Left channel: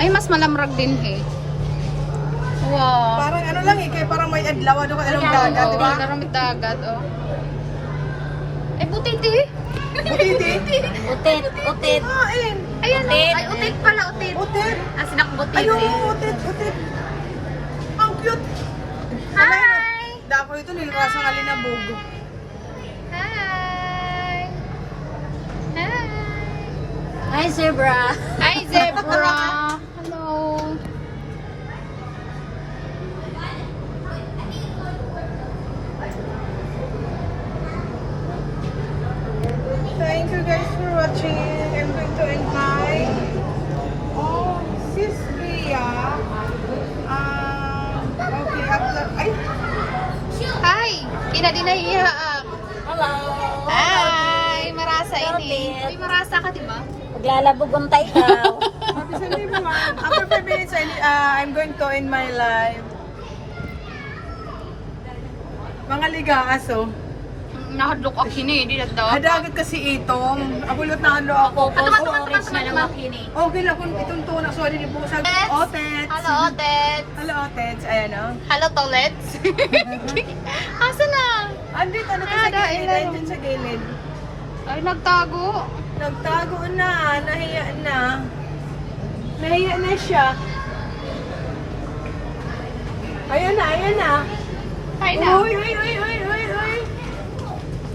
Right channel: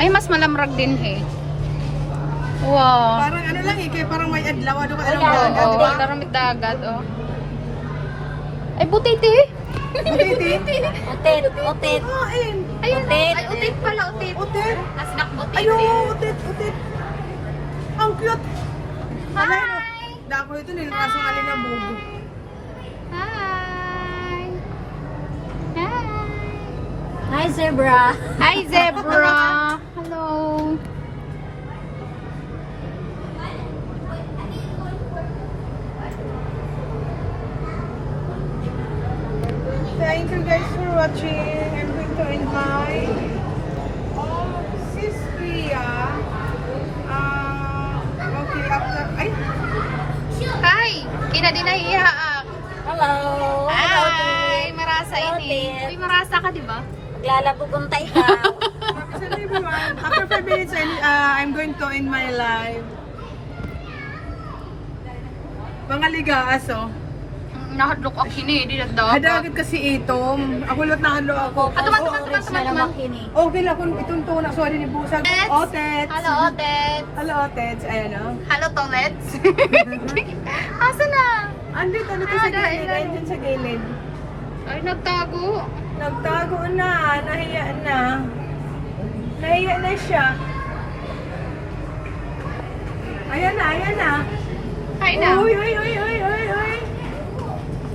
Ay, mas malamrag din eh. Wow. Parang ano lang eh, parang may adlaw. Ano ka, Oo, dagat, oh, diba? karamit dagat, oh. Ay, butiti. Butiti. Utit, utit. Kain. Ayan, oh. Ay, utit pala, utit. Utit. Nasnak utit. Ayun, utit, utit. Ang cute. Hi! Dako ito, nilawasang alin na bugo. Hi! Hi! Hi, zebra. Hi, zebra! Hello! Thank you guys for watching. I'm going to invite Sis Ria. Okay, after... Ay! Hi! Ina din nahihaak. Hello. Hi! Marasa ini. Uy, marasa ka, di ba? Maglalabog-untay ka. Happy Sunday everyone. After 5 minutes, I'm going to end my live. Mga ligaas, oh. Nahadlok ako sini, di nagdapat. Hadagat kasi itong. Ako lot na ano ako. Tuman. Okay lang kung itong tunak. Sorry ni Busag. Otets. Otets. Hello, Otets. Hello, Otets. Ayan, oh. Hello, Tolets. Asa na? Andito, sa dahil gilid. ano. Andyan sa gilid. Ay, nagtago. Nagtago na. Nahiya na. Nahiya na siya. Ayan na, ayan na. Hi na. Uy, uy, uy, uy, uy, uy.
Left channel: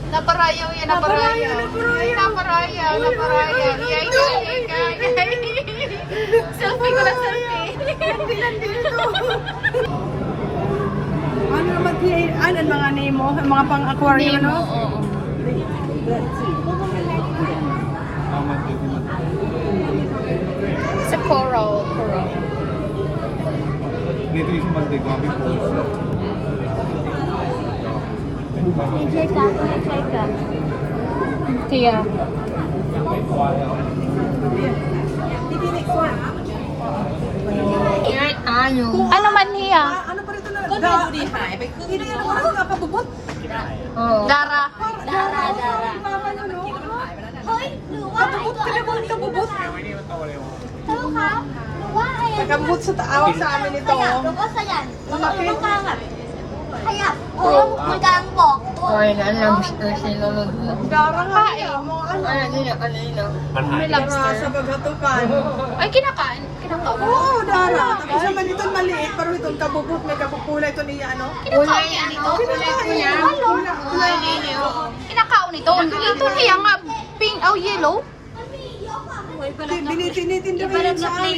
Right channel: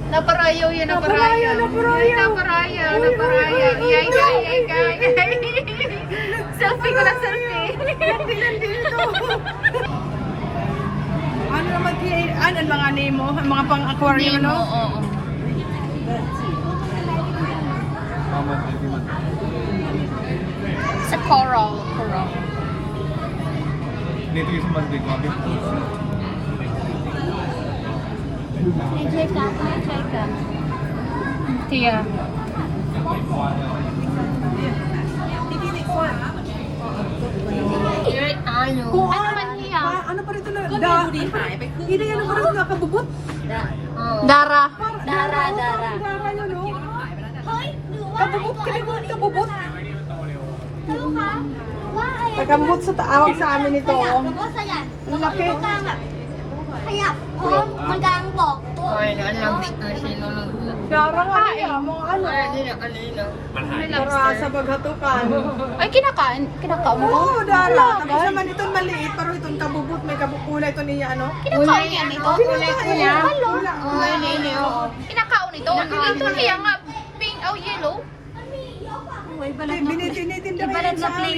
Naparayaw yan, Naparayaw, naparayaw. Naparayaw, Uy, naparayaw. uy, uy, Yay, uy, yay, uy, yay, yay. Selfie ko na selfie. Hindi ito. Ano naman ang mga nemo, ang mga pang-aquarium, no? Oo. Sa coral. Dito yung Monday, Gabi po. Enjoy ka, enjoy ka. Tiya. Ano man niya? Ano pa rito na? Hindi yan ako rin napabubot. Dara. Dara, dara. Kabubot ka naman, kabubot. Nagkabubot sa tao sa amin ito. Ang laki. Kaya, magkambok. Ay, alam gusto sinunod na. Garang kain mo, ano? Sa paghatukan. Ay, kinakain mo? Oo, dara. Tapos naman ito maliit, pero itong kabubot, may kabukula ito niya, ano? Kinakain niya nito? Kinakain. Halo? Kinakaon nito? Ito niya nga, pink, yellow? Binitinitin daw yan sa amin.